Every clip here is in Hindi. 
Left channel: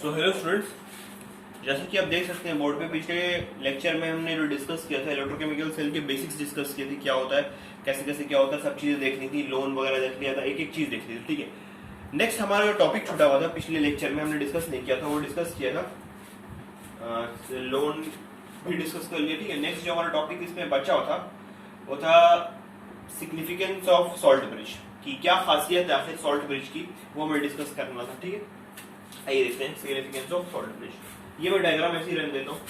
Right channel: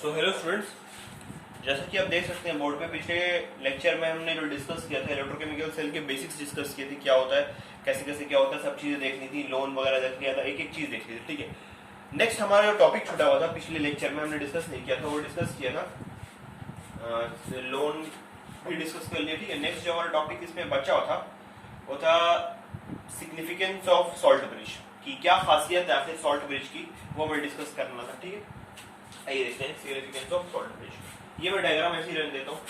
सो हेलो स्टूडेंट्स, जैसे कि आप देख सकते हैं बोर्ड पे पिछले लेक्चर में हमने जो डिस्कस किया था इलेक्ट्रोकेमिकल सेल के बेसिक्स डिस्कस किए थे। क्या होता है, कैसे कैसे क्या होता है, सब चीजें देखनी थी, लोन वगैरह देख लिया था, एक एक चीज देख ली थी। ठीक है, नेक्स्ट हमारा जो टॉपिक छूटा हुआ था पिछले लेक्चर में हमने डिस्कस नहीं किया था, वो डिस्कस किया था लोन भी डिस्कस कर लिया। ठीक है, नेक्स्ट जो हमारा टॉपिक इसमें बचा हुआ था वो था सिग्निफिकेंस ऑफ सॉल्ट ब्रिज की, क्या खासियत है आखिर सॉल्ट ब्रिज की, वो हमें डिस्कस करना था। ठीक है, आइए देखते हैं सिग्निफिकेंस ऑफ सॉल्ट ब्रिज। ये मैं डायग्राम ऐसे ही रख देता हूँ।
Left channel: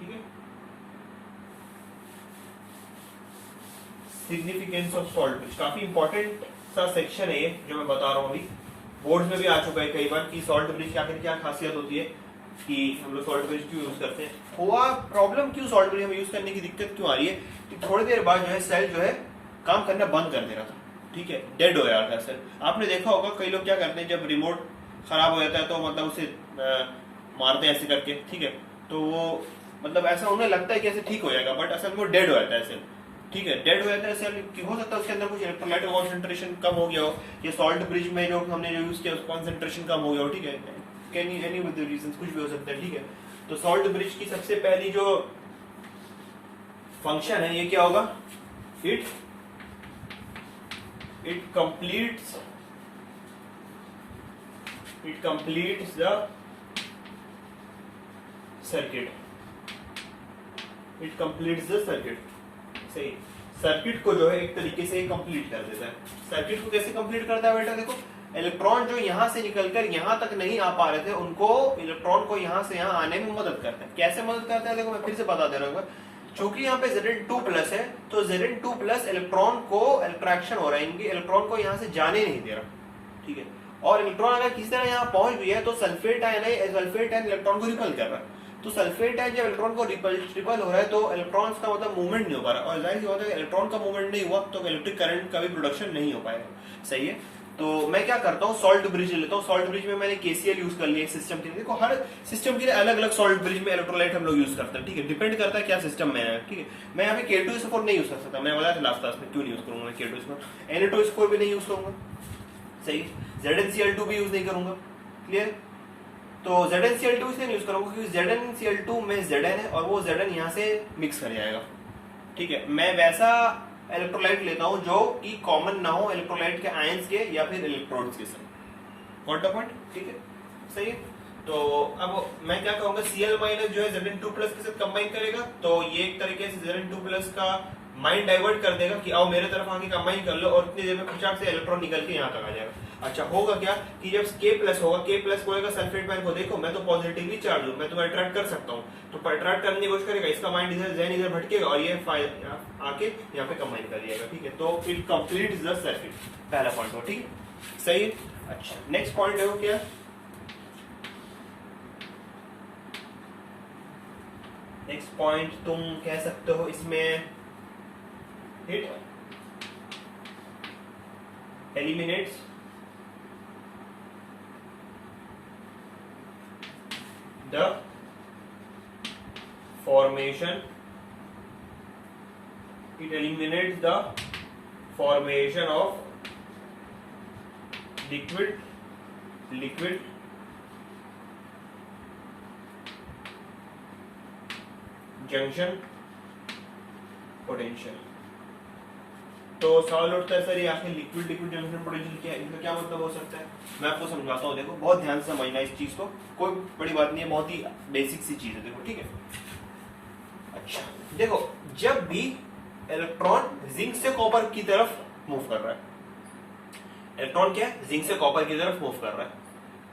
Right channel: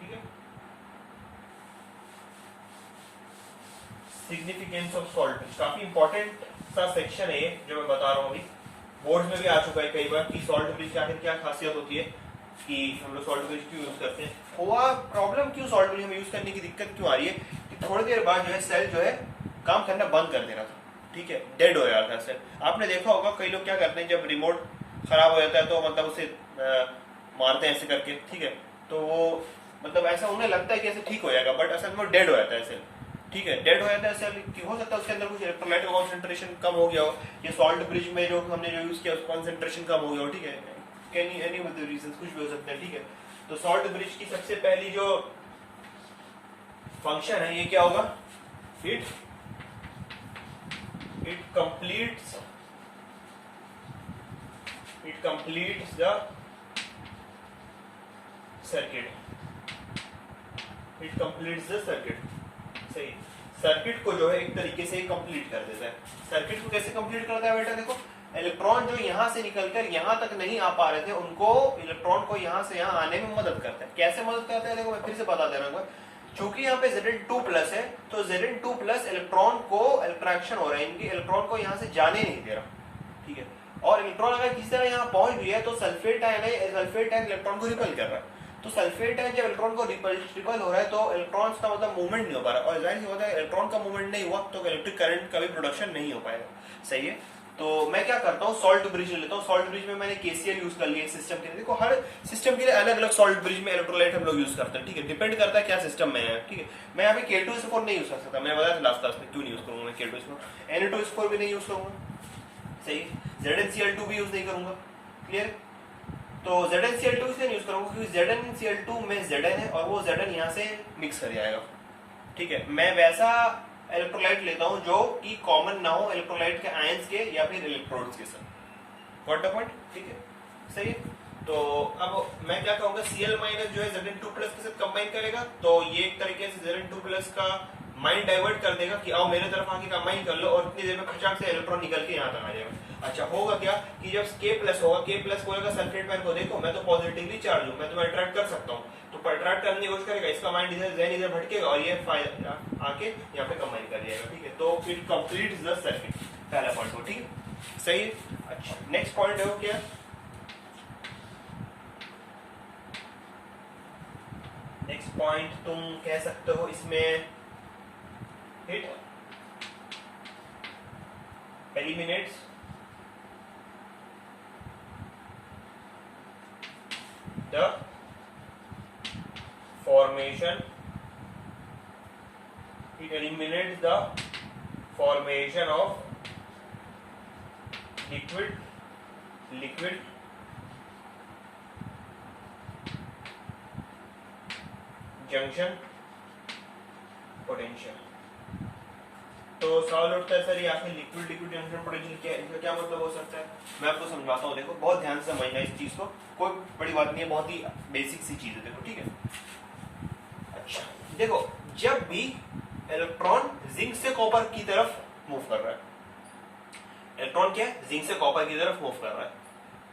ठीक है, सिग्निफिकेंस ऑफ सॉल्ट ब्रिज काफी इंपॉर्टेंट सा सेक्शन है ये जो मैं बता रहा हूँ अभी। बोर्ड में भी आ चुका है कई बार कि सॉल्ट ब्रिज की आखिर क्या खासियत होती है, कि हम लोग सॉल्ट ब्रिज क्यों यूज करते हैं, हुआ प्रॉब्लम क्यों सॉल्ट ब्रिज हम यूज करने की दिक्कत क्यों आ रही है कि थोड़ी देर बाद जो है सेल जो है काम करना बंद कर दे रहा था। ठीक है, डेड हो रहा था सेल। आपने देखा होगा कई लोग क्या करते हैं, जब रिमोट खराब हो जाता है तो मतलब उसे मारते हैं ऐसे करके। ठीक है, तो वो मतलब ऐसा उन्हें लगता है कि ऐसे ठीक हो जाएगा, बट असल में वो डेड हो जाता है सेल। ठीक है, डेड हो जाता है सेल, हो सकता है उसके अंदर कुछ इलेक्ट्रोलाइट का कॉन्सेंट्रेशन कम हो गया हो, या सॉल्ट ब्रिज में जो हमने जो यूज किया कॉन्सेंट्रेशन कम हो गया हो। ठीक है, can any of the reasons, कुछ भी हो सकता है। ठीक है, तो सॉल्ट ब्रिज की सबसे पहली जो फंक्शन है ये क्या होगा, इट completes the circuit. सही, सर्किट को जो है एक तरीके से कंप्लीट कर देता है। सर्किट को कैसे कंप्लीट करता है बेटा, देखो इलेक्ट्रॉन जो यहां से निकलकर यहां तक नहीं आ पा रहे थे, उनको इलेक्ट्रॉन को यहां से यहां आने में मदद करता है। कैसे मदद करता है, देखो मैं फिर से बता दे रहा हूँ। चूंकि यहाँ पे Zn2+ है, तो Zn2+ इलेक्ट्रॉन को इंटरेक्शन हो रहा है, इनकी इलेक्ट्रॉन को यहाँ से जाने नहीं दे रहा। ठीक है, और इलेक्ट्रॉन अगर किसी तरह यहाँ पहुंच भी है तो सल्फेट आयन है, सल्फेट आयन इलेक्ट्रॉन को रिपल कर रहा है। तो सल्फेट आयन जब इलेक्ट्रॉन को रिपल हो रहा है तो इलेक्ट्रॉन्स का मतलब मूवमेंट नहीं हो पा रहा, और जाहिर सी बात है इलेक्ट्रॉन का मूवमेंट नहीं हुआ तो इलेक्ट्रिक करंट का भी प्रोडक्शन नहीं हो पाएगा। सही है, तो मैं क्या करता हूँ, सॉल्ट ब्रिज लेता हूँ। सॉल्ट ब्रिज में मैंने KCl यूज कर लिया सिस्टम के लिए। देखो हर सिस्टम के लिए अलग अलग सॉल्ट ब्रिज में इलेक्ट्रोलाइट हम लोग यूज करते हैं। ठीक है, डिपेंड करता है क्या सिस्टम में है। ठीक है, मैं यहाँ पे K2SO4 नहीं यूज कर सकता, मैंने बताया लास्ट क्लास में क्यों नहीं यूज करूंगा मैं K2SO4, Na2SO4 भी नहीं यूज करूंगा। सही, ZnCl2 भी यूज नहीं करूंगा। क्लियर, तो ZnCl2 इसलिए यूज करूंगा क्योंकि ZnCl2 में Zn है और वो Zn यहाँ से मिक्स कर जाएगा। ठीक है, मैं वैसा इलेक्ट्रोलाइट लेता हूं जो कि कॉमन ना हो इलेक्ट्रोलाइट के आयंस के या फिर इलेक्ट्रोड्स के साथ। What the point. ठीक है, सही। तो अब मैं क्या कहूंगा, Cl- जो है Zn2+ के साथ कंबाइन करेगा, तो ये एक तरीके से Zn2+ का माइंड डाइवर्ट कर देगा कि आओ मेरे तरफ आके कंबाइन कर लो, और इतनी देर में खचाक से इलेक्ट्रॉन निकल के यहाँ तक आ जाएगा। अच्छा, होगा क्या कि जब K+ होगा, K+ होगा सल्फेट आयन को, देखो मैं तो पॉजिटिवली चार्ज हूं, मैं तुम्हें अट्रैक्ट कर सकता हूं, तो अट्रैक्ट करने की कोशिश करेगा, इसका माइंड इधर जहन इधर भटकेगा और ये आके यहाँ पे कंबाइन कर जाएगा। ठीक है, तो इट कंप्लीट्स द सर्किट, पहला पॉइंट हो। ठीक है, सही है। अच्छा, नेक्स्ट पॉइंट है वो क्या, नेक्स्ट पॉइंट तुम कह सकते हो इसमें, it eliminates the formation, it eliminates the formation of liquid junction potential। तो सवाल उठता है सर ये आखिर लिक्विड जंक्शन पोटेंशियल क्या है, इसका क्या मतलब हो सकता है। मैं आपको समझाता हूँ, देखो बहुत ध्यान से समझना इस चीज को, कोई बड़ी बात नहीं है, बहुत ही बेसिक सी चीज है। देखो ठीक है, अच्छा देखो, जब भी इलेक्ट्रॉन जिंक से कॉपर की तरफ मूव कर रहा है, इलेक्ट्रॉन क्या है, जिंक से कॉपर की तरफ मूव कर रहा है,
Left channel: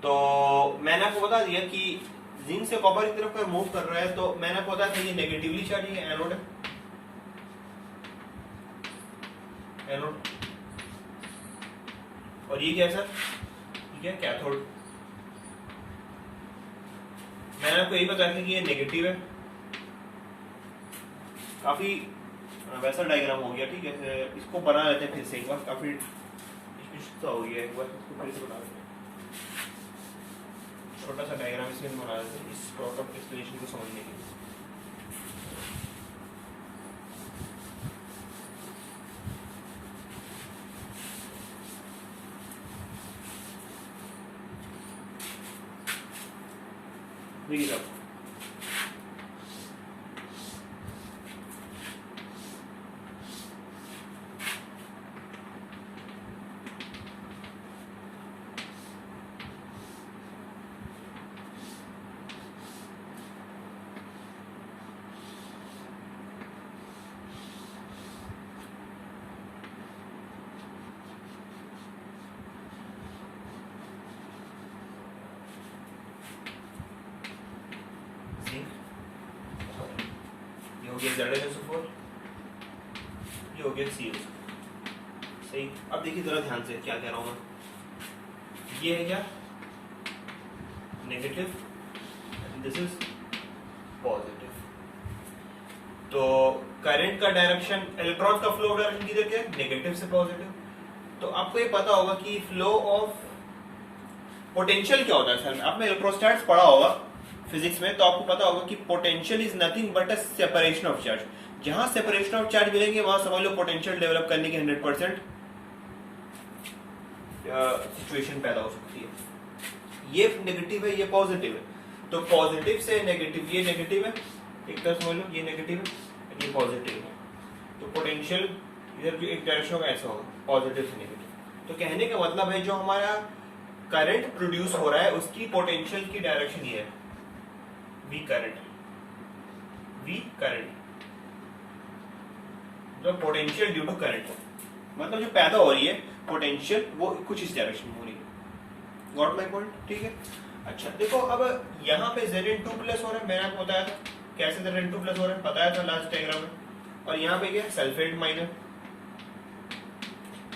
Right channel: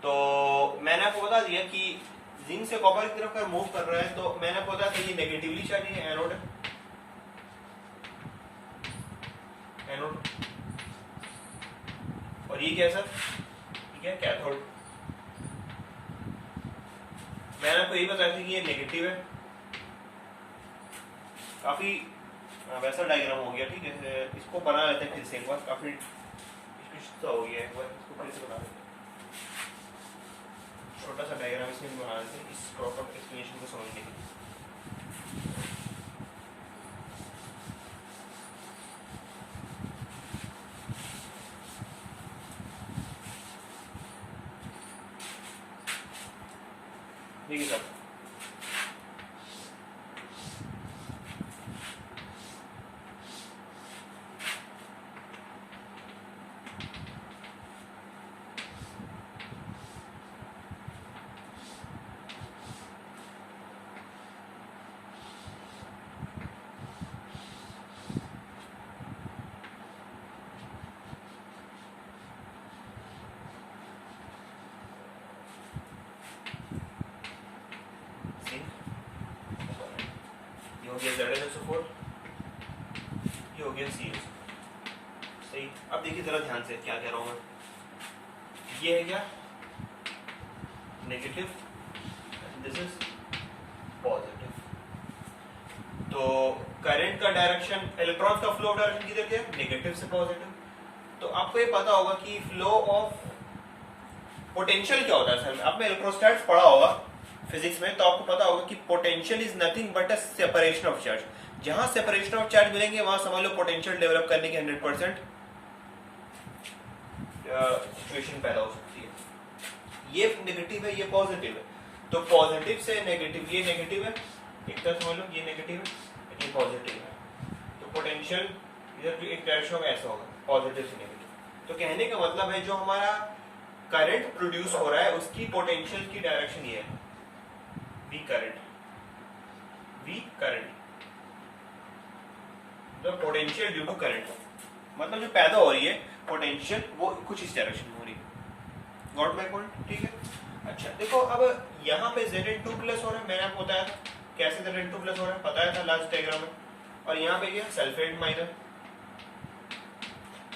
तो मैंने आपको बता दिया कि जिंक से कॉपर की तरफ मूव कर रहा है, तो मैंने आपको बताया था ये नेगेटिवली चार्ज है, एनोड है, एनोड, और ये क्या है सर, ठीक है कैथोड। मैंने आपको यही बताया था कि ये नेगेटिव है, काफी वैसा डायग्राम हो गया। ठीक है, इसको बना लेते हैं फिर से एक बार, काफी हो गया, एक बार इसको फिर से बना लेते हैं, छोटा सा डायग्राम इसमें बना लेते हैं इस प्रॉपर एक्सप्लेनेशन को समझने के लिए। देखिए सब ये हो गया ZnSO4, ये हो गया CO। सही। अब देखिए जरा ध्यान से क्या कह रहा हूं मैं, ये है क्या नेगेटिव, दिस इज पॉजिटिव। तो करंट का डायरेक्शन, इलेक्ट्रॉन का फ्लो डायरेक्शन किधर क्या है, नेगेटिव से पॉजिटिव। तो आपको ये पता होगा कि फ्लो ऑफ पोटेंशियल क्या होता है सर, आपने इलेक्ट्रोस्टैटिक्स पढ़ा होगा फिजिक्स में, तो आपको पता होगा कि potential is nothing but a separation of charge. जहां सेपरेशन ऑफ चार्ज मिलेंगे वहां समझ लो पोटेंशियल डेवलप करने की 100% सिचुएशन पैदा हो सकती है। ये नेगेटिव है, ये पॉजिटिव है। तो पॉजिटिव से नेगेटिव, ये नेगेटिव है एक तरह समझ लो, ये नेगेटिव है, ये पॉजिटिव है। तो पोटेंशियल इधर भी एक डायरेक्शन होगा, ऐसा होगा पॉजिटिव से नेगेटिव। तो कहने का मतलब है जो हमारा करंट प्रोड्यूस हो रहा है उसकी पोटेंशियल की डायरेक्शन ये है, वी करंट, वी करंट, जो पोटेंशियल ड्यू टू करंट, मतलब जो पैदा हो रही है पोटेंशियल वो कुछ इस डायरेक्शन में हो रही है। Got my point? ठीक है। अच्छा देखो अब यहाँ पे Zn2 प्लस हो रहा है, मैंने आपको बताया था कैसे Zn2 प्लस हो रहा है, बताया था लास्ट डायग्राम में। और यहाँ पे क्या सल्फेट माइनस,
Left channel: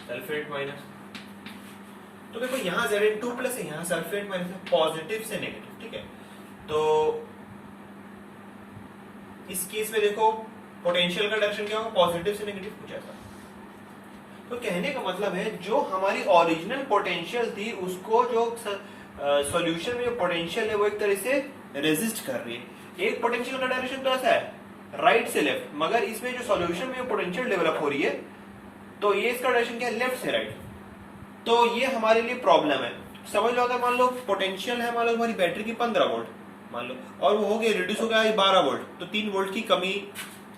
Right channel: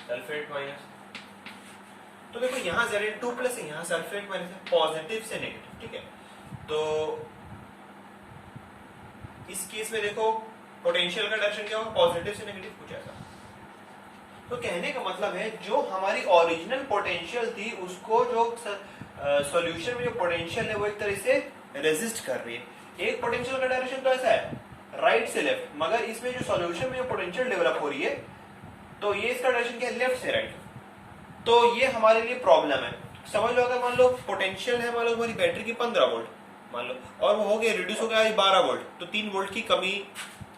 सल्फेट माइनस। तो देखो यहाँ Zn2 प्लस है, यहाँ सल्फेट माइनस है, पॉजिटिव से नेगेटिव। ठीक है। तो इस केस में देखो पोटेंशियल का डायरेक्शन क्या होगा, पॉजिटिव से नेगेटिव, कुछ ऐसा। तो कहने का मतलब है जो हमारी ओरिजिनल पोटेंशियल थी उसको जो सॉल्यूशन में जो पोटेंशियल है वो एक तरह से रेजिस्ट कर रही है। एक पोटेंशियल का डायरेक्शन तो ऐसा है राइट से लेफ्ट, मगर इसमें जो सॉल्यूशन में जो पोटेंशियल डेवलप हो रही है तो ये इसका डायरेक्शन क्या है, लेफ्ट से राइट। तो ये हमारे लिए प्रॉब्लम है। समझ लो अगर मान लो पोटेंशियल है मान लो हमारी बैटरी की 15 वोल्ट मान लो, और वो हो गया रिड्यूस हो गया 12 वोल्ट, तो 3 वोल्ट की कमी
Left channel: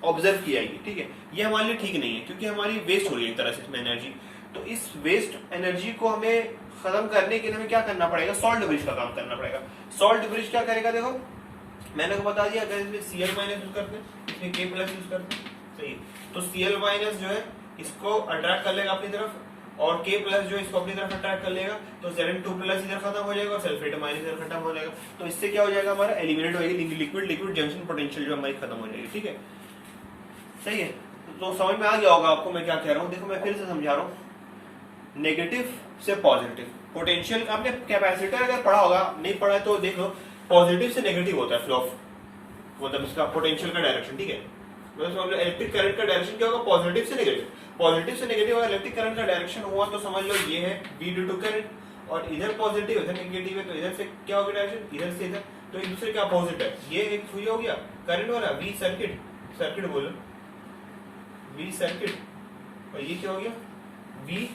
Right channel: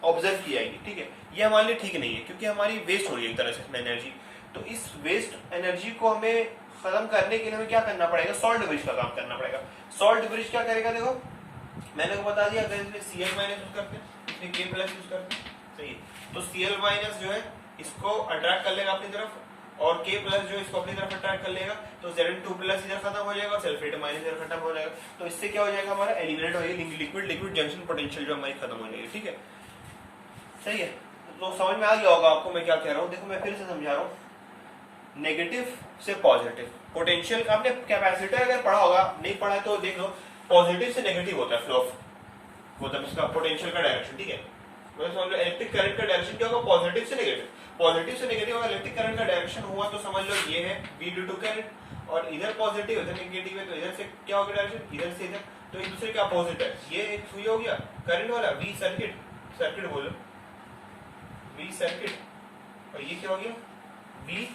ऑब्जर्व की जाएगी। ठीक है। ये हमारे लिए ठीक नहीं है क्योंकि हमारी वेस्ट हो रही है एक तरह से इसमें एनर्जी। तो इस वेस्ट एनर्जी को हमें खत्म करने के लिए हमें क्या करना पड़ेगा, सॉल्ट ब्रिज का काम करना पड़ेगा। सॉल्ट ब्रिज क्या करेगा, देखो मैंने को बता दिया, अगर इसमें Cl माइनस यूज करते हैं, इसमें K प्लस यूज करते हैं, सही। तो Cl माइनस जो है इसको अट्रैक्ट कर लेगा अपनी तरफ, और K प्लस जो इसको अपनी तरफ अट्रैक्ट कर लेगा, तो Zn2 प्लस इधर खत्म हो जाएगा और सल्फेट माइनस इधर खत्म हो जाएगा। तो इससे क्या हो जाएगा, हमारा एलिमिनेट हो जाएगी लिक्विड लिक्विड जंक्शन पोटेंशियल जो हमारी खत्म हो जाएगी। ठीक है, सही है। तो समझ में आ गया होगा आपको मैं क्या कह रहा हूँ। देखो मैं फिर से समझा रहा हूँ, नेगेटिव से पॉजिटिव पोटेंशियल, आपने कैपेसिटर अगर पढ़ा होगा, नहीं पढ़ा है तो देख लो, पॉजिटिव से नेगेटिव होता है फ्लो ऑफ, मतलब इसका पोटेंशियल का डायरेक्शन। ठीक है, मतलब समझ लो इलेक्ट्रिक करंट का डायरेक्शन क्या होगा, पॉजिटिव से नेगेटिव। पॉजिटिव से नेगेटिव अगर इलेक्ट्रिक करंट का डायरेक्शन हुआ तो समझ लो ये है V ड्यू टू करंट, और इधर पॉजिटिव इधर नेगेटिव है, तो इधर से क्या होगा डायरेक्शन, इधर से इधर, तो एक दूसरे के अपोजिट है। ये एक हुई हो गया करंट वाला V सर्किट, सर्किट बोलो V सर्किट, और ये क्या हो गया V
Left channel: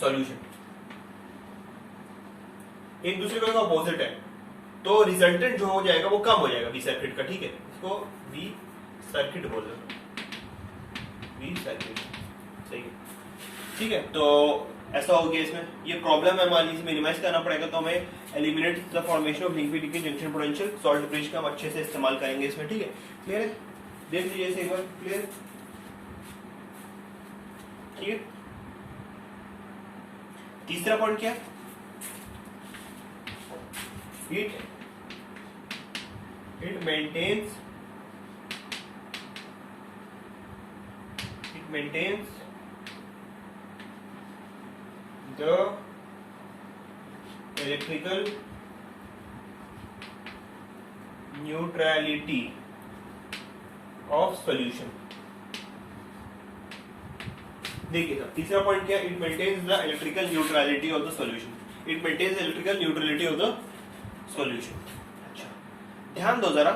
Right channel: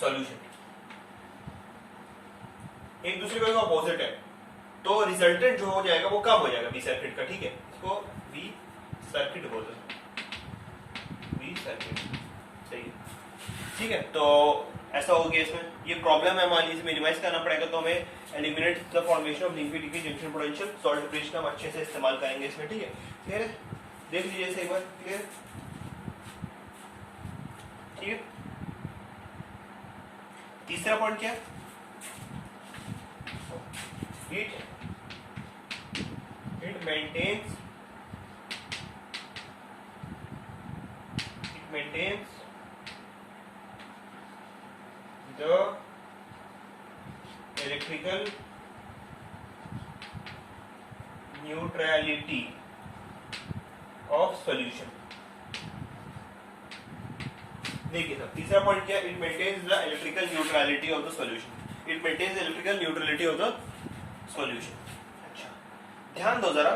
सॉल्यूशन, एक दूसरे का अपोजिट है, तो रिजल्टेंट जो हो जाएगा वो कम हो जाएगा V सर्किट का। ठीक है, इसको V सर्किट बोलो, V सर्किट, सही है। ठीक है, तो ऐसा हो गया। इसमें ये प्रॉब्लम है हमारी, इसे मिनिमाइज करना पड़ेगा, तो हमें eliminate the formation of liquid junction potential, salt bridge का हम अच्छे से इस्तेमाल करेंगे इसमें। ठीक है, क्लियर है, देख लीजिए इसे एक बार, क्लियर। ठीक है, तीसरा पॉइंट क्या है, it maintains the electrical neutrality of solution। देखिए साहब, तीसरा पॉइंट क्या है, it maintains the electrical neutrality of the solution. It maintains electrical neutrality of the solution. अच्छा ध्यान दो जरा,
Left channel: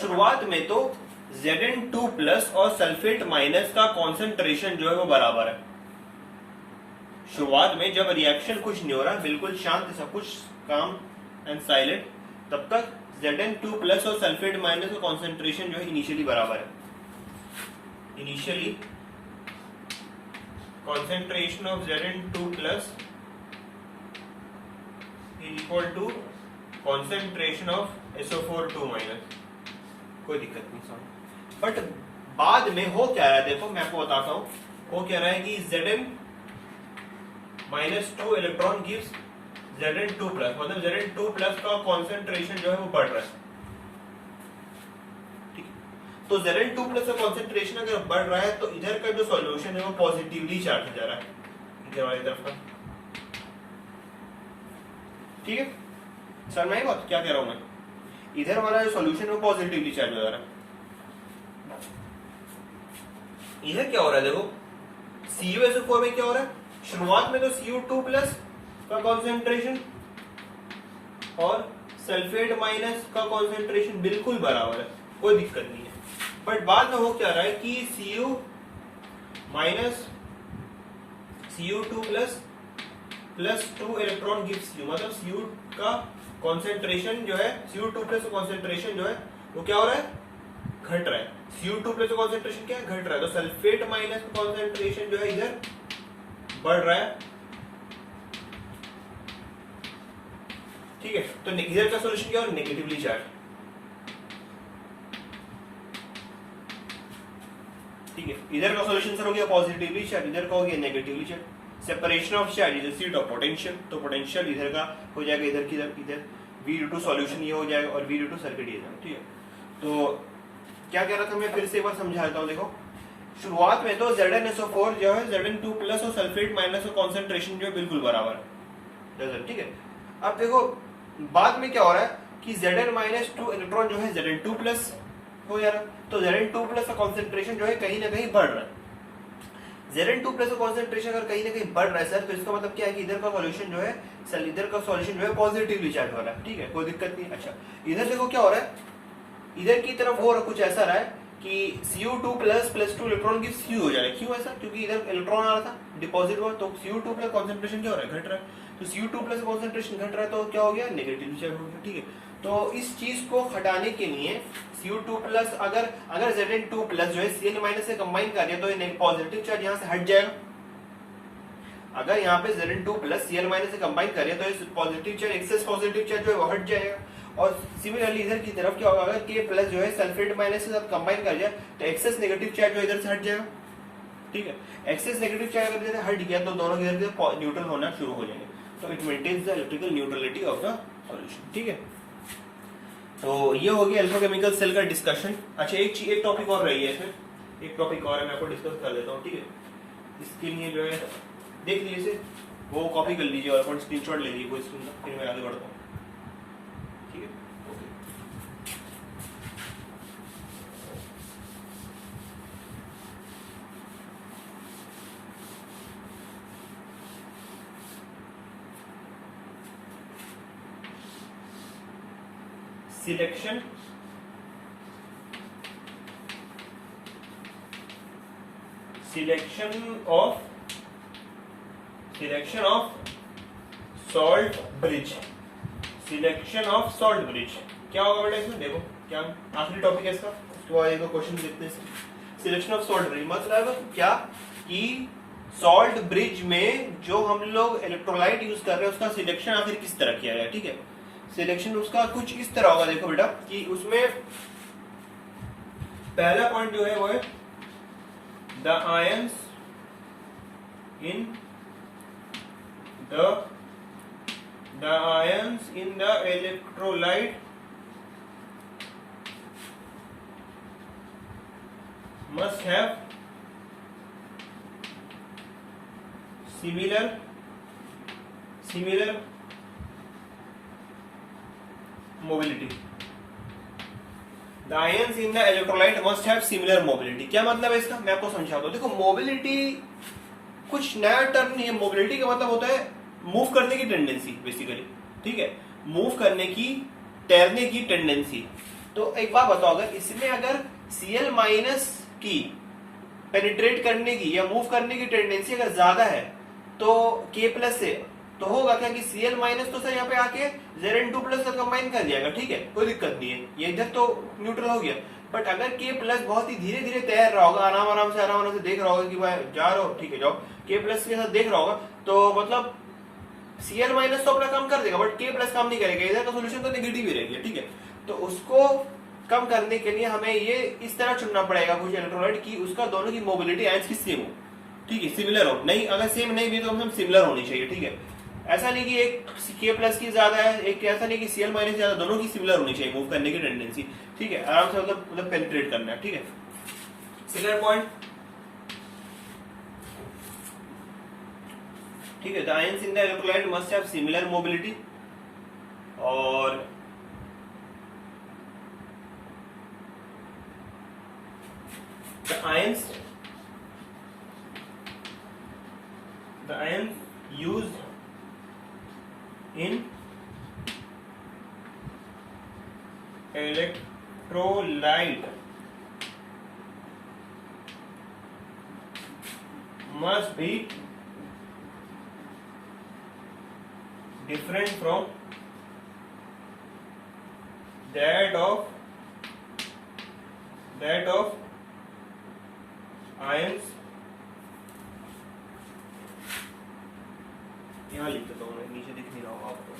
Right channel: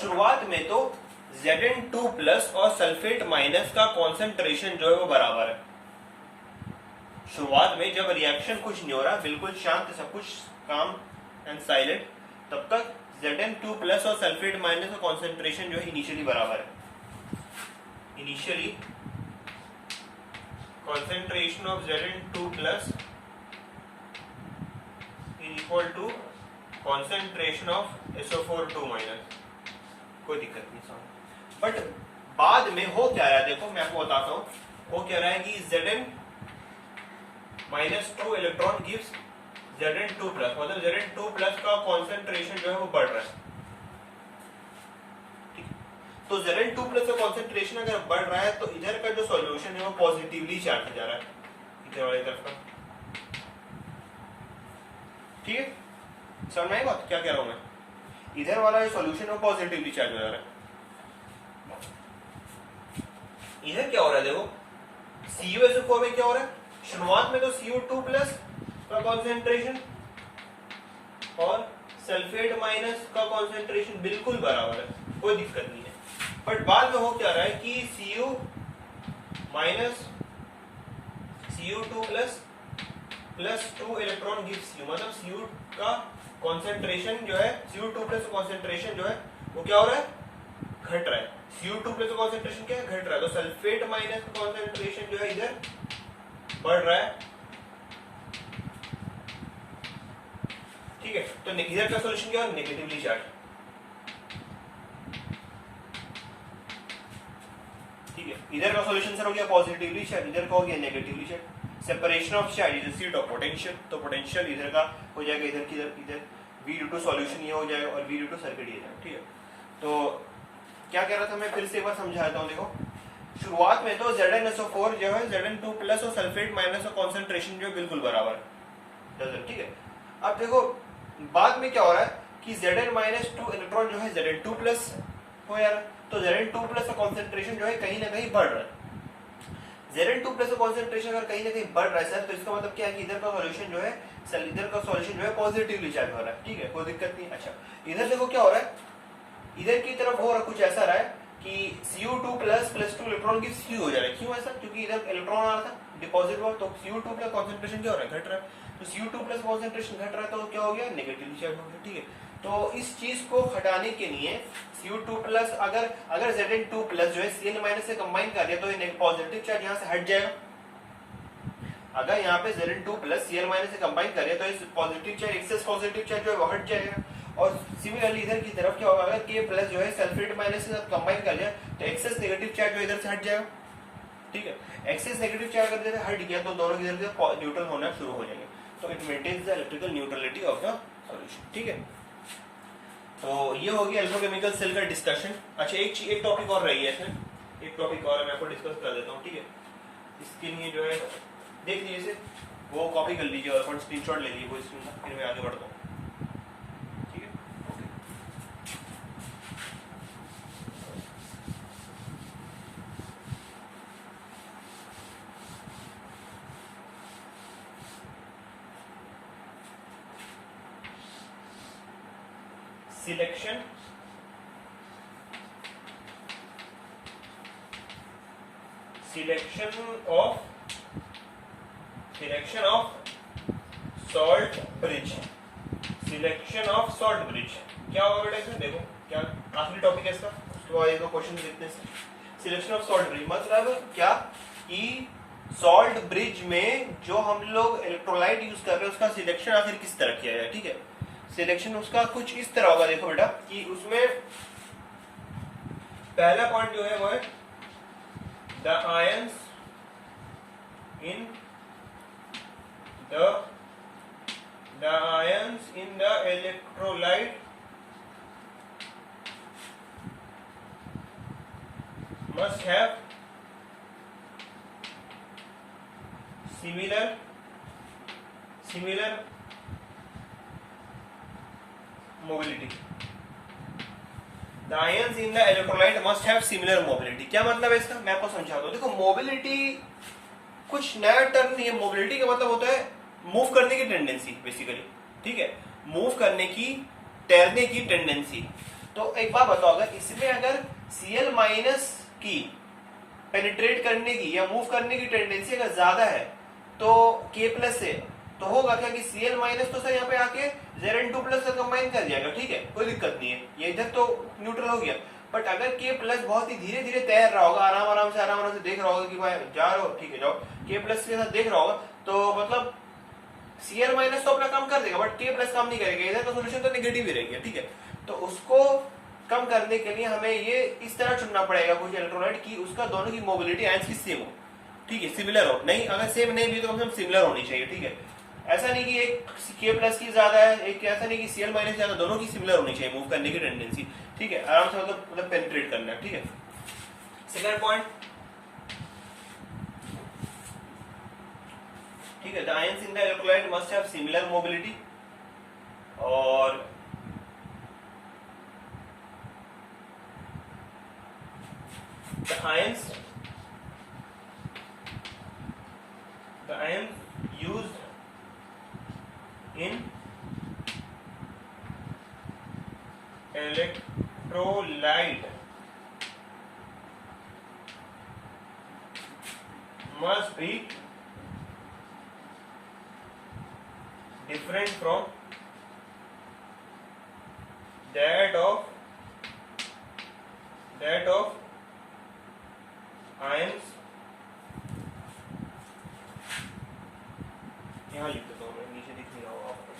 शुरुआत में तो Zn2 प्लस और सल्फेट माइनस का कॉन्सेंट्रेशन जो है वो बराबर है। शुरुआत में जब रिएक्शन कुछ नहीं हो रहा, बिल्कुल शांत सब कुछ काम एंड साइलेंट, तब तक Zn2 प्लस और सल्फेट माइनस का कॉन्सेंट्रेशन जो है इनिशियली बराबर है। Initially concentration of Zn2 plus equal to concentration of SO4 minus, कोई दिक्कत नहीं समझ। बट बाद में हो क्या रहा है, देखो मैं आपको बताता हूं, हो क्या रहा है कि Zn -2 electron gives Zn2 plus, मतलब Zn2 प्लस का कॉन्सेंट्रेशन जो है वो बढ़ रहा है। तो Zn2 प्लस का कॉन्सेंट्रेशन अगर बढ़ रहा है तो इधर का जो सॉल्यूशन है वो पॉजिटिवली चार्ज हो जा रहा है, इधर वाली तरफ का। ठीक है, समझ में आई बात क्या कह रहा हूं मैं? इधर वाला जो सॉल्यूशन है वो पॉजिटिवली चार्ज हो जा रहा है। इधर क्या हो रहा है देखो, CuSO4 में क्या हो रहा है, शुरुआत में तो Cu2 प्लस का कॉन्सेंट्रेशन और सल्फेट माइनस का कॉन्सेंट्रेशन बिल्कुल बराबर है, कोई दिक्कत नहीं है। बट बाद में हो क्या रहा है कि Cu minus Cu2 plus 2 electron gives Cu, मतलब Cu का कॉन्सेंट्रेशन जो है, Cu2 प्लस कॉन्सेंट्रेशन जो है वो क्या हो रहा है, घट रहा है। Cu2 प्लस कॉन्सेंट्रेशन क्या है, घट रहा है। तो सल्फेट माइनस का कॉन्सेंट्रेशन जो है इधर बढ़ रहा है। ठीक है, तो इधर का सॉल्यूशन क्या है, नेगेटिवली चार्ज। ठीक है, इधर का सॉल्यूशन सर हो गया पॉजिटिवली चार्ज, इधर का हो गया negatively charge. Separation of charge is seat of potential, तो पोटेंशियल इधर का हो जाएगा इधर की इधर V/2 सॉल्यूशन ये हो जाएगा और V/2 सर्किट ये जाएगा। ठीक है, तो क्या कह रहा था मैं, फिर से एक बार समझाता हूँ। देखो शुरुआत में तो ZnSO4 जो है Zn2 प्लस और सल्फेट माइनस का कॉन्सेंट्रेशन जो है बिल्कुल बराबर है। ठीक है, अब देखो बाद में क्या हो रहा है कि Zn-2 इलेक्ट्रॉन जो है Zn2 प्लस हो जा रहा है, तो Zn2 प्लस का कॉन्सेंट्रेशन जो है कहीं ना कहीं बढ़ रहा है। Zn2 प्लस का कॉन्सेंट्रेशन अगर कहीं ना कहीं बढ़ रहा है सर, तो इसका मतलब क्या है कि इधर का सॉल्यूशन जो है, इधर का सॉल्यूशन जो है पॉजिटिवली चार्ज हो रहा है। ठीक है, कोई दिक्कत नहीं। अच्छा, इधर देखो क्या हो रहा है, इधर की तरफ हो रहा कुछ ऐसा रहा है कि Cu2 प्लस 2 इलेक्ट्रॉन की Cu हो जा रहा है। क्यों ऐसा, क्योंकि इधर इलेक्ट्रॉन आ रहा था, डिपॉजिट हुआ, तो Cu2 प्लस कॉन्सेंट्रेशन क्या हो रहा है, घट रहा है। तो Cu2 प्लस कॉन्सेंट्रेशन घट रहा है तो क्या हो गया, नेगेटिव चार्ज हो गया। ठीक है, तो इस चीज को हटाने के लिए Cu2 प्लस अगर Zn2 प्लस जो है Cl माइनस से कंबाइन कर दिया तो ये पॉजिटिव चार्ज यहाँ से हट जाएगा। अगर यहाँ पे Zn2 प्लस Cl माइनस से कंबाइन कर दिया तो ये positive charge, excess positive charge जो है वो हट जाएगा। और सिमिलरली इधर की तरफ क्या होगा, अगर K प्लस जो है सल्फेट माइनस के साथ कंबाइन कर जाए तो एक्सेस नेगेटिव चार्ज जो इधर से हट जाएगा। ठीक है, एक्सेस नेगेटिव चार्ज अगर इधर हट गया तो दोनों इधर से न्यूट्रल होना शुरू हो जाएंगे, तो it maintains the electrical neutrality of the solution. ठीक है, तो ये हो गया एल्फोकेमिकल सेल का डिस्कशन। अच्छा, एक टॉपिक और रही है इसमें, एक टॉपिक और है, मैं आपको डिस्कस कर देता हूँ। ठीक है, इसके लिए जो है देख लीजिए, वो कॉपी कर लीजिए और स्क्रीनशॉट ले लीजिए वो स्क्रीन का, फिर मैं आगे बढ़ता हूँ। ठीक है, selection of salt bridge, selection of salt bridge क्या होगा बेटा इसमें, देखो क्या आखिरी टॉपिक है इसका, उसके बाद एक दो क्वेश्चन देखते हैं। सिलेक्शन ऑफ सॉल्ट ब्रिज मतलब क्या कि सॉल्ट ब्रिज में जो हम लोग इलेक्ट्रोलाइट यूज कर रहे हैं उसका सिलेक्शन आखिर किस तरह किया जाए। ठीक है, सिलेक्शन उसका कुछ इस तरह होगा, देखो बेटा कि उसमें पहला पॉइंट जो है वो है the ions in the ions in the electrolyte must have similar mobility. The ions in the electrolyte must have similar mobility. क्या मतलब है इसका, मैं आपको समझाता हूँ। देखो मोबिलिटी कुछ नया टर्म नहीं है, मोबिलिटी का मतलब होता है मूव करने की टेंडेंसी बेसिकली। ठीक है, मूव करने की, तैरने की टेंडेंसी। तो एक बात बताओ, अगर इसमें अगर Cl माइनस की पेनिट्रेट करने की या मूव करने की टेंडेंसी अगर ज्यादा है तो K प्लस से तो होगा क्या कि Cl माइनस तो सर यहाँ पे आके Zn2+ का कंबाइन कर जाएगा, ठीक है, कोई दिक्कत नहीं है, ये इधर तो न्यूट्रल हो गया। बट अगर K+ बहुत ही धीरे धीरे तैर रहा होगा, आराम आराम से देख रहा होगा कि भाई जा रहे हो, ठीक है जाओ, K+ के साथ देख रहा होगा, तो मतलब Cl माइनस तो अपना काम कर देगा, बट K+ काम नहीं करेगा, इधर का सोल्यूशन तो नेगेटिव ही रहेगा, ठीक है। तो उसको कम करने के लिए हमें ये इस तरह चुनना पड़ेगा कुछ इलेक्ट्रोलाइट की उसका दोनों की मोबिलिटी आयंस की सेम हो, ठीक है, सिमिलर हो, नहीं अगर सेम नहीं भी तो कम से कम सिमिलर होनी चाहिए, ठीक है। ऐसा नहीं कि एक K+ की ज्यादा है, एक ऐसा नहीं कि Cl माइनस ज्यादा, दोनों की सिमिलर होनी चाहिए मूव करने की टेंडेंसी, ठीक है, आराम से मतलब पेनिट्रेट करना है, ठीक है। सेकंड पॉइंट, ठीक है, the ions in the electrolyte must have similar mobility, और the ions used in electrolyte must be different from that of ions, यहाँ लिख देता हूँ मैं, नीचे दिख नहीं रहा होगा आपको,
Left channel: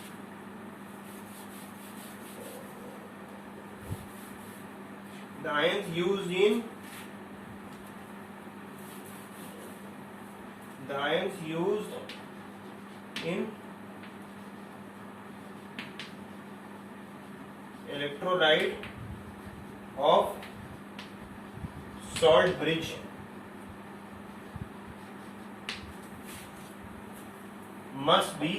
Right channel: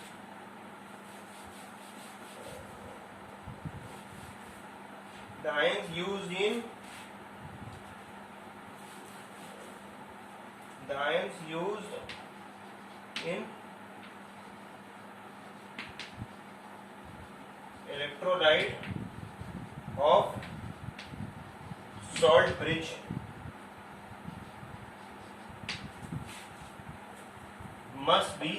the ions used in electrolyte of salt bridge must be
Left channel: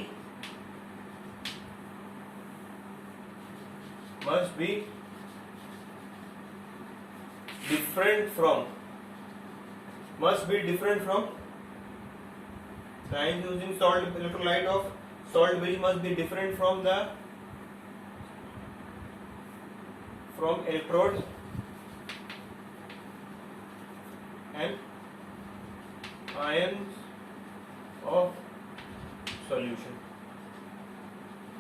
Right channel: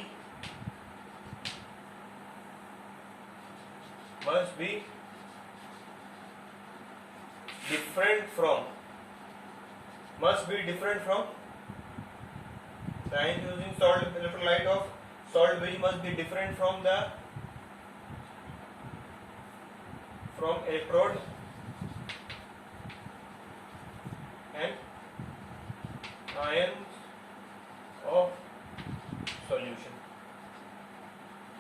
different from the ions used in electrolyte of salt bridge must be different from electrode and ions of solution।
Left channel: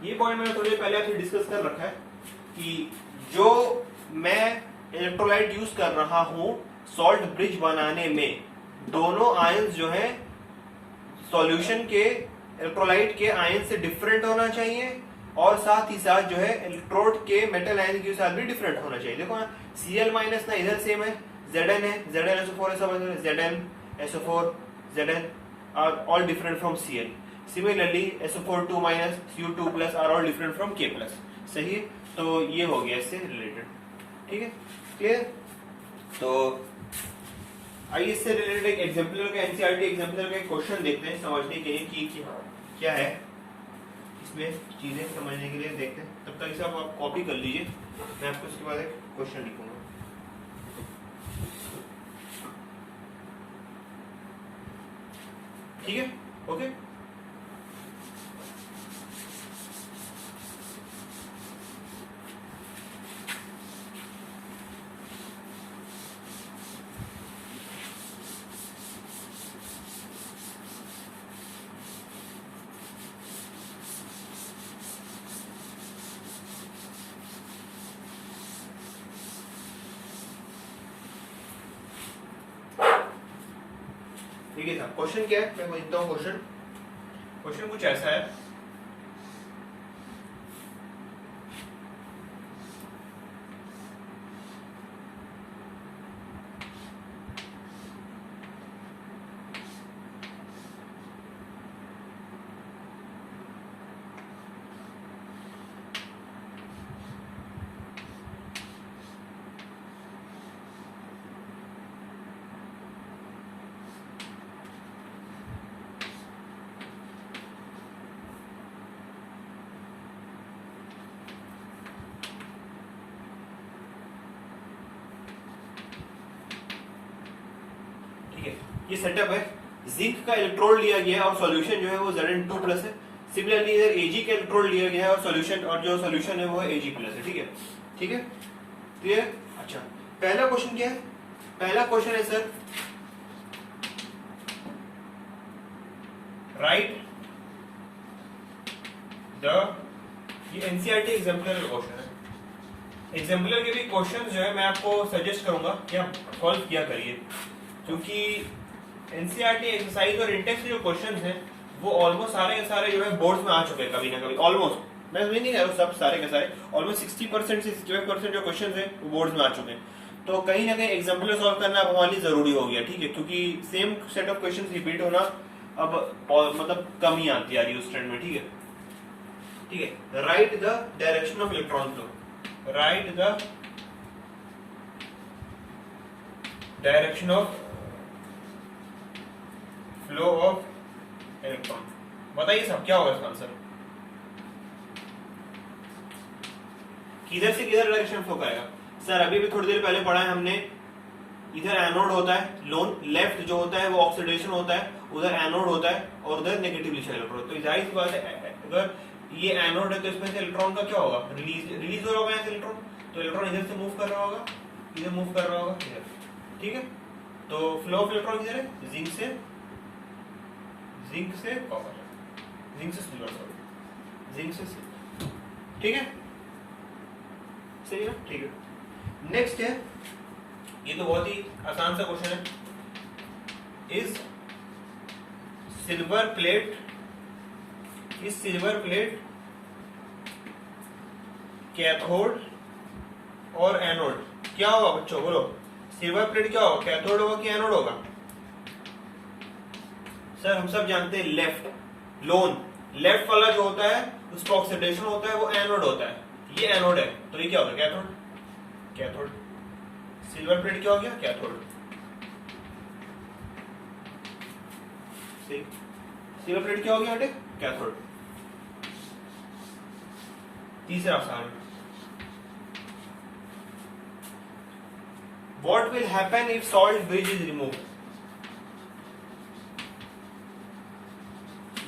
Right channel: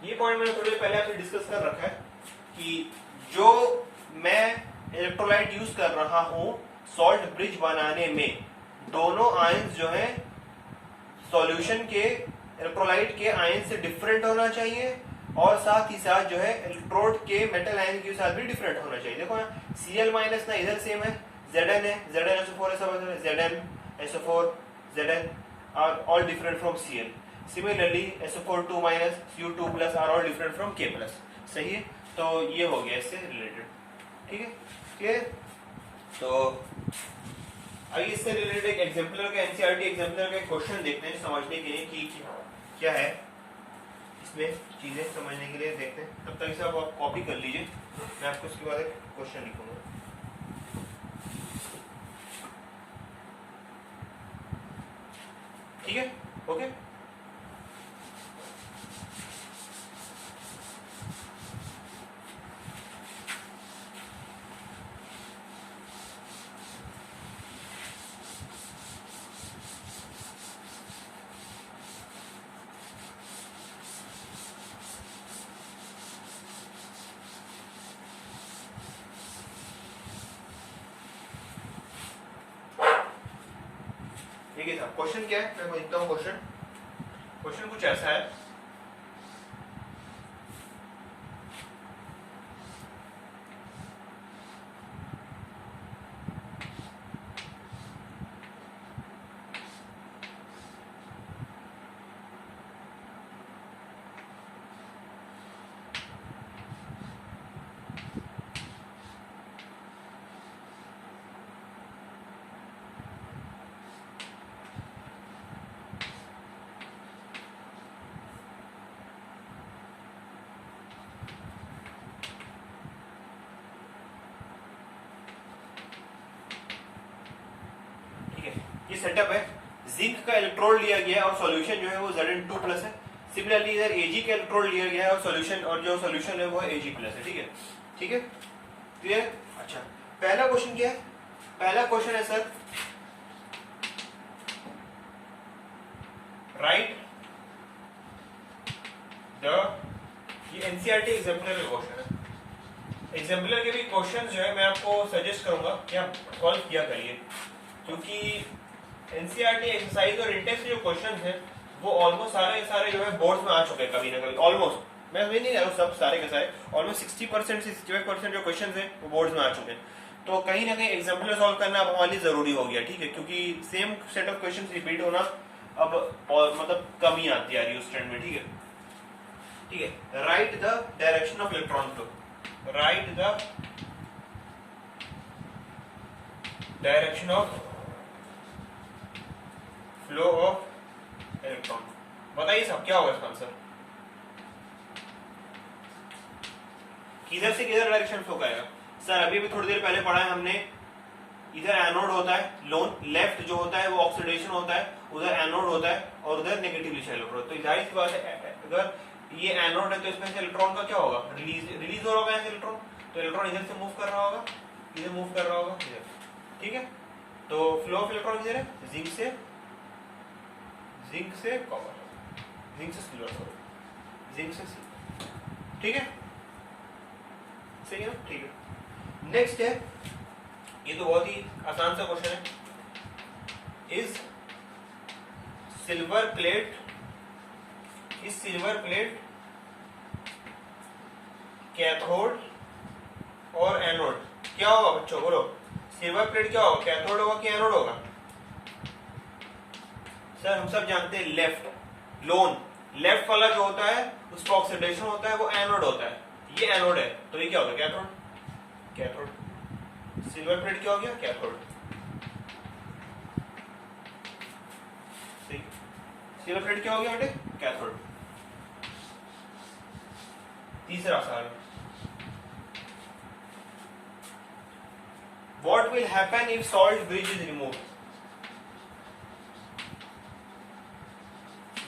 ये पॉइंट मैंने थोड़ी पहले आपसे डिस्कस कर रखा है कि जो मैं इलेक्ट्रोलाइट यूज कर रहा हूं सॉल्ट ब्रिज बनाने में, दोनों आयंस जो है सॉल्यूशन के इलेक्ट्रोलाइट के आयंस से डिफरेंट होना चाहिए, और साथ ही साथ जो है इलेक्ट्रोड के मेटल आयन के साथ भी डिफरेंट होना चाहिए। देखो ना Cl माइनस ना इधर सेम है, Zn है, ZnSO4 है, सब Zn SO4 Zn are all different from Cl। Similarly SO4 2 minus Cu2 plus are all different from K+। सही है, तो ये हो गया इससे रिलेटेड, ठीक है, क्लियर। तो आइए इससे रिलेटेड एक एग्जाम्पलर का एनसीईआरटी एग्जाम्पलर का एक क्वेश्चन देखते हैं समझने के लिए कि क्या है इसमें चीजें समझने के लिए देखते हैं। तब तक इसे आप कॉपी कर लीजिए, मैं आपको उसके बाद एक क्वेश्चन लिखूंगा। ठीक है, ओके। ठीक है साहब, क्वेश्चन क्या है मैं लिखता हूँ। क्वेश्चन कुछ ऐसा है, ये सेटअप है, जिंक का इलेक्ट्रोड लिया गया है और सॉल्यूशन जो है वो Zn2+ है। सिमिलरली इधर Ag का इलेक्ट्रोड लिया गया है और जो सॉल्यूशन है वो है Ag+, है। ठीक है, ठीक है, क्लियर। अच्छा, पहला क्वेश्चन क्या है? पहला क्वेश्चन है सर, राइट ये एनसीईआरटी एग्जाम्पलर का क्वेश्चन है। एग्जाम्पलर के भी क्वेश्चन जो है मैं आपको सजेस्ट करूंगा कि आप सॉल्व किया करिए, क्योंकि एनसीईआरटी एक्सरसाइज और इंटेक्स के जो क्वेश्चन हैं वो ऑलमोस्ट सारे के सारे जो है बोर्ड्स में आ चुके हैं कभी ना कभी। ऑलमोस्ट मैं नहीं कह रहा हूँ सब सारे के सारे, ऑलमोस्ट 60% से 65% जो क्वेश्चन है वो बोर्ड्स में आ चुके हैं। तो कहीं ना कहीं एग्जाम्पलर सॉल्व करना अब हमारे लिए जरूरी हो गया, ठीक है, क्योंकि same set of question repeat होना अब मतलब कम ही आती आ रही है उस ट्रेंड में, ठीक है। ठीक है, right the direction of electron flow, right the direction of flow of electron. बताइए सब क्या होगा इसका आंसर, किधर से किधर डायरेक्शन फ्लो करेगा। सर अभी भी थोड़ी देर पहले पढ़ा है हमने, इधर एनोड होता है, लोन लेफ्ट जो होता है वो ऑक्सीडेशन होता है, उधर एनोड होता है और उधर नेगेटिवली चार्ज इलेक्ट्रॉन। तो जाहिर सी बात है अगर ये एनोड है तो इसमें से इलेक्ट्रॉन का क्या होगा, रिलीज हो रहा होगा यहाँ से इलेक्ट्रॉन, तो इलेक्ट्रॉन इधर से मूव कर रहा होगा, इधर मूव कर रहा होगा इधर, ठीक है। तो फ्लो ऑफ इलेक्ट्रॉन किधर है, जिंक से कॉपर, जिंक से सिल्वर, सॉरी जिंक से सिल्वर, ठीक है, सही है ना, ठीक है। नेक्स्ट है, ये तो बहुत ही आसान सा क्वेश्चन है, इज सिल्वर प्लेट कैथोड और एनोड क्या होगा बच्चों, बोलो। सिल्वर प्लेट क्या होगा, कैथोड होगा कि एनोड होगा। सर हम सब जानते हैं लेफ्ट, लोन लेफ्ट वाला जो होता है उसका ऑक्सीडेशन होता है, वो एनोड होता है, ये एनोड है, तो ये क्या होगा, कैथोड। सिल्वर प्लेट क्या हो गया, कैथोड। सही, सिल्वर प्लेट क्या हो गया बेटे, कैथोड। तीसरा सवाल, what will happen if salt bridge is removed.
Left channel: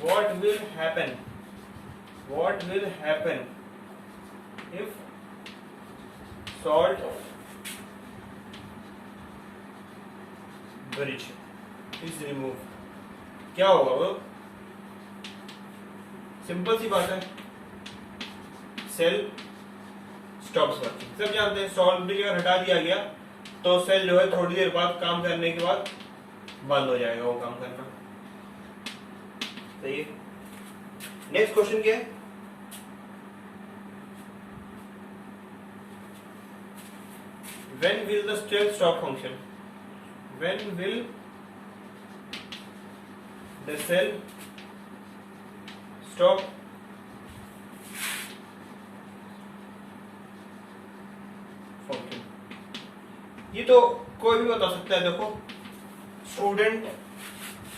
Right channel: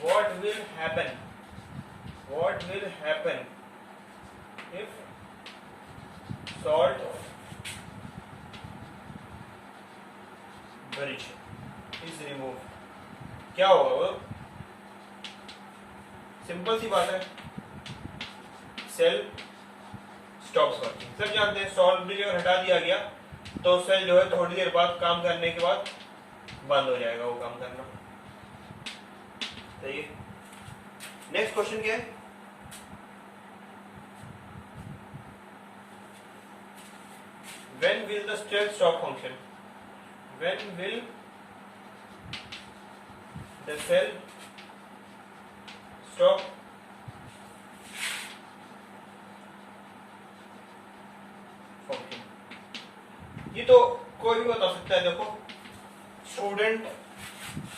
What will happen if salt bridge is removed? क्या होगा वो, सिंपल सी बात है, सेल स्टॉप्स वर्किंग। सब जानते हैं सॉल्ट ब्रिज अगर हटा दिया गया तो सेल जो है थोड़ी देर बाद काम करने के बाद बंद हो जाएगा वो काम करना, सही है। नेक्स्ट क्वेश्चन क्या है, when will the cell stop function, when will the cell stop function। ये तो कोई भी बता सकता है, देखो स्टूडेंट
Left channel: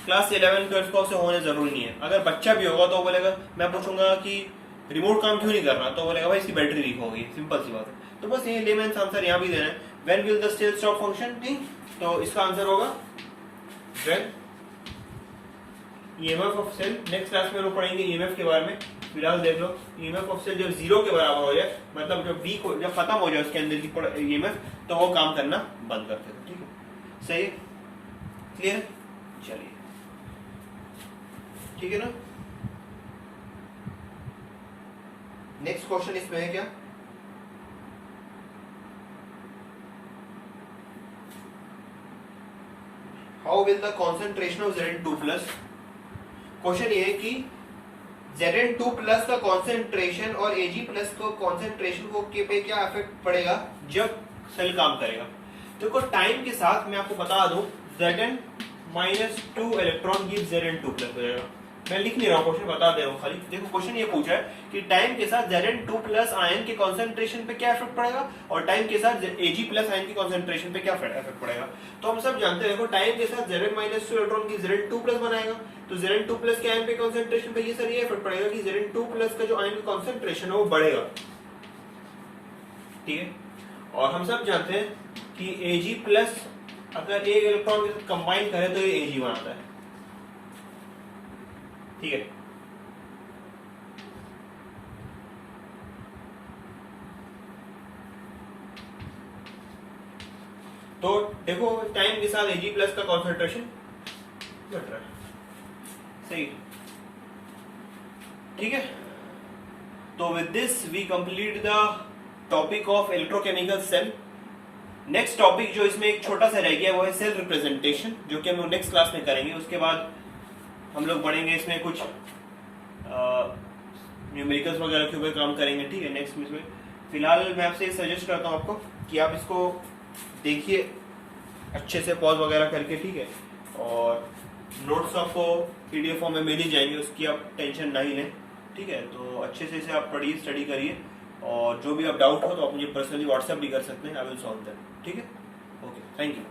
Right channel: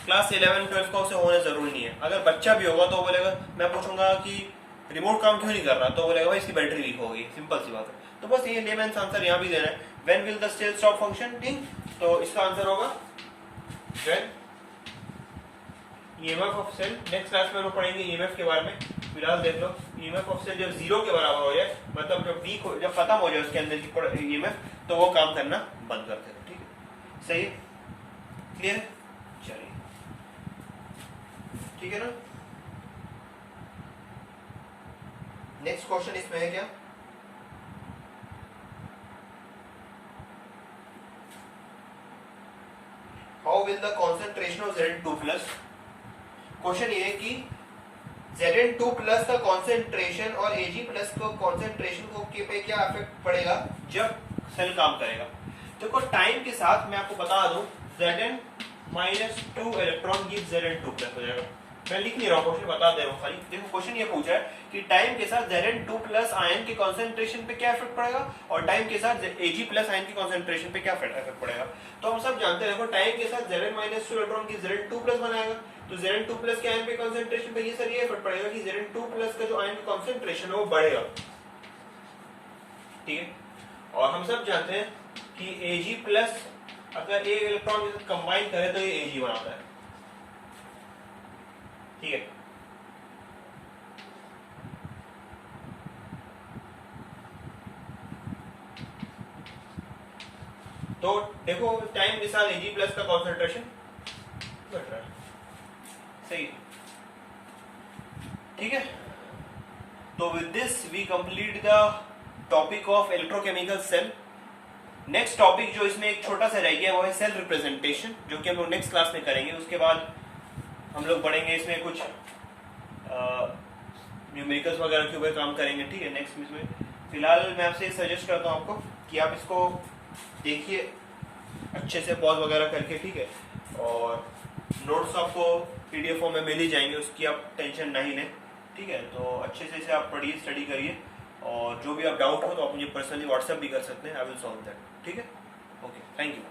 क्लास 11-12 का उसे होने जरूरी नहीं है। अगर बच्चा भी होगा तो बोलेगा, मैं पूछूंगा कि रिमोट काम क्यों नहीं कर रहा, तो बोलेगा भाई इसकी बैटरी वीक हो गई, सिंपल सी बात है। तो बस ये लेमैन्स आंसर यहाँ भी देना है, when will the cell stop functioning, तो इसका आंसर होगा when EMF of cell. Next class में लोग पढ़ेंगे ईएमएफ के बारे में, फिलहाल देख लो ईएमएफ ऑफ सेल जब 0 के बराबर हो जाए, मतलब जब वीक हो, जब खत्म हो जाए उसके अंदर की ईएमएफ, तो वो काम करना बंद कर देगा, ठीक है, सही, क्लियर, चलिए ठीक है ना। नेक्स्ट क्वेश्चन इसमें है क्या, how will the concentration of Zn2+, question ये है कि Zn2+ का कॉन्सेंट्रेशन और Ag+ को कॉन्सेंट्रेशन को पे क्या इफेक्ट पड़ेगा जब सेल काम करेगा। देखो टाइम के साथ मैं आपको बता दूं, Zn-2 इलेक्ट्रॉन गिव Zn2+ हो जाएगा। मैं लिख नहीं रहा हूँ, क्वेश्चन बता दे रहा हूँ खाली। देखो क्वेश्चन ये पूछा है कि टाइम के साथ Zn2+ आयन के कॉन्सेंट्रेशन पे क्या इफेक्ट पड़ेगा और टाइम के साथ Ag+ आयन के कॉन्सेंट्रेशन पे क्या इफेक्ट पड़ेगा। तो हम सब जानते हैं, देखो टाइम के साथ Zn-2 इलेक्ट्रॉन की Zn2+ बनाएगा, तो Zn2+ के आयन पे कॉन्सेंट्रेशन पे ये सर ये इफेक्ट पड़ेगा कि Zn2+ का जो आयन का कॉन्सेंट्रेशन है वो बढ़ेगा, ठीक है। और हम सब जानते हैं कि Ag+ अगर एक इलेक्ट्रॉन के साथ कंबाइन करे तो ये Ag बनाता है, ठीक है। तो देखो टाइम के साथ Ag+ का कॉन्सेंट्रेशन घट रहा है, सही, ठीक है। तो with this we complete the topic of electrochemical cell. Next topic जो इसमें एक छोटा सा रह गया वो है सेल रिप्रेजेंटेशन, जो कि हम लोग नेक्स्ट क्लास में करेंगे। उसके बाद हम लोग बढ़ेंगे इसमें कुछ न्यूमेरिकल्स वगैरह के ऊपर काम करेंगे, ठीक है, नेक्स्ट में। फिलहाल मैं आपसे सजेस्ट करता हूँ आपको कि आप इसको देखिए अच्छे से पॉज वगैरह करके, ठीक है, और नोट्स आपको पीडीएफ फॉर्म में मिल ही जाएंगे, उसकी आप टेंशन नहीं लें, ठीक है। तो अच्छे से इसे आप पढ़िए, स्टडी करिए, और जो भी आप डाउट हो तो आप मुझे पर्सनली व्हाट्सएप भी कर सकते हैं, आई विल सॉल्व दैट, ठीक है। Okay, thank you.